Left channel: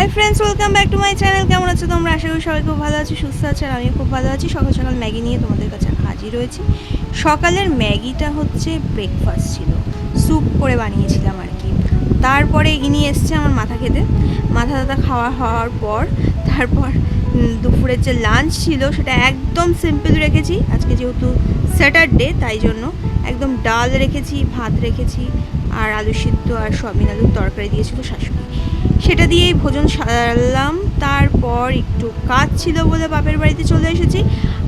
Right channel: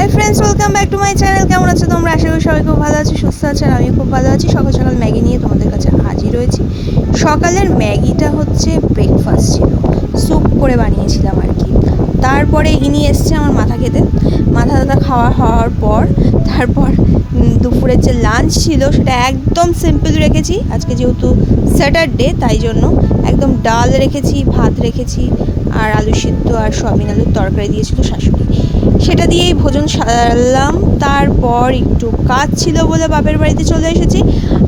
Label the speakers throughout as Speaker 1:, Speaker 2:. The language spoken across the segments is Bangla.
Speaker 1: Hi friends welcome back to my channel কেমন আছো তোমরা? আশা করি সবাই খুব ভালো আছি, সুস্থ আছে, আর আমিও খুব ভালো আছি। সকাল সকাল ম্যাগি নিয়ে তোমাদের কাছে হাজির হয়েছি। সকালের ম্যাগিটা হচ্ছে ব্রেকফাস্ট ছিল। স্যুপ করে বানিয়েছিলাম আর কি। তারপরে ইনি এসছে আমার মাথা খেতে। মাথা টাথা খাওয়া হওয়ার পর, তারপর দুপুরের যে লাঞ্চ ছিল, সেটা একদম সিম্পল রেখেছি। আজকে যেহেতু স্যাটারডে তাই জন্য একদম ডাল রেখেছি, ভাত রেখেছি আর আলু সিদ্ধ আর সয়াবিন আলুর তরকারি দিয়েছিল শাশুড়ি। সেটা দিয়েই ভোজন সারলাম। তারপর একটু কাজ ছিল বলে বাপের বাড়িতে চলে এসেছি।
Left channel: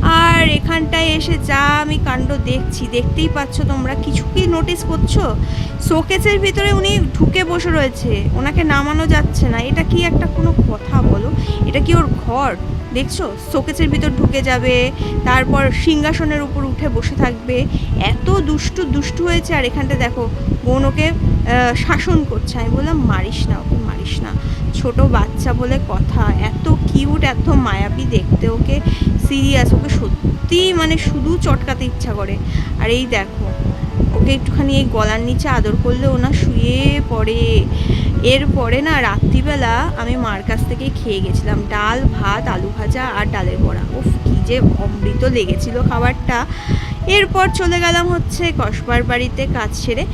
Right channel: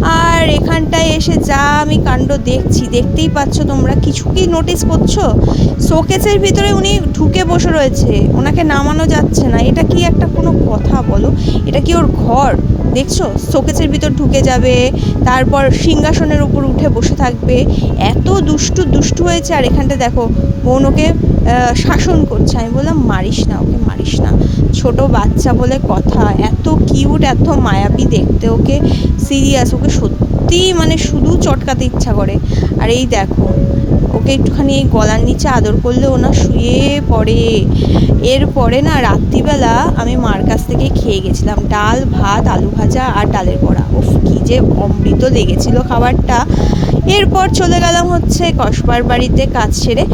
Speaker 1: আর এখানটায় এসে যা আমি কাণ্ড দেখছি, দেখতেই পাচ্ছ তোমরা, কিছু কি নোটিস করছ? শোকেসের ভিতরে উনি ঢুকে বসে রয়েছে। ওনাকে নামানো যাচ্ছে না। এটা কি একটা কোনো কথা বলো? এটা কি ওর ঘর? দেখছ? শোকেসের ভিতর ঢুকে যাবে, তারপর সিংহাসনের উপর উঠে বসে থাকবে। এত দুষ্টু দুষ্টু হয়েছে, আর এখানটা দেখো, বোন ওকে শাসন করছে। আমি বললাম, মারিস না ওকে, মারিস না। ছোট বাচ্চা বলে কথা, এত কিউট, এত মায়াবী দেখতে ওকে, সিরিয়াস। ওকে সত্যি মানে শুধু চটকাতে ইচ্ছা করে। আর এই দেখো, ওকে একটুখানি এই গলার নিচে আদর করলে ওনা শুয়ে পড়ে। এরপরে না রাত্রিবেলা আমি মার কাছ থেকে খেয়ে গেছিলাম। ডাল, ভাত, আলু ভাজা আর ডালের বড়া। উফ, কী যে অমৃত লেগেছিল খাবারটা। এরপর চলে গেলাম হচ্ছে কসবার বাড়িতে কাজ সেরে।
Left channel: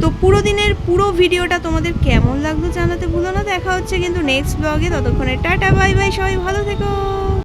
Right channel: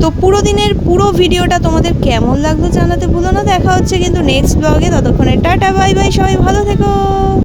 Speaker 1: তো পুরো দিনের পুরো ভিডিওটা তোমাদের কেমন লাগল জানাতে ভুলো না। দেখা হচ্ছে কিন্তু নেক্সট ব্লগে ততক্ষণে টাটা বাই বাই সবাই ভালো থেকো।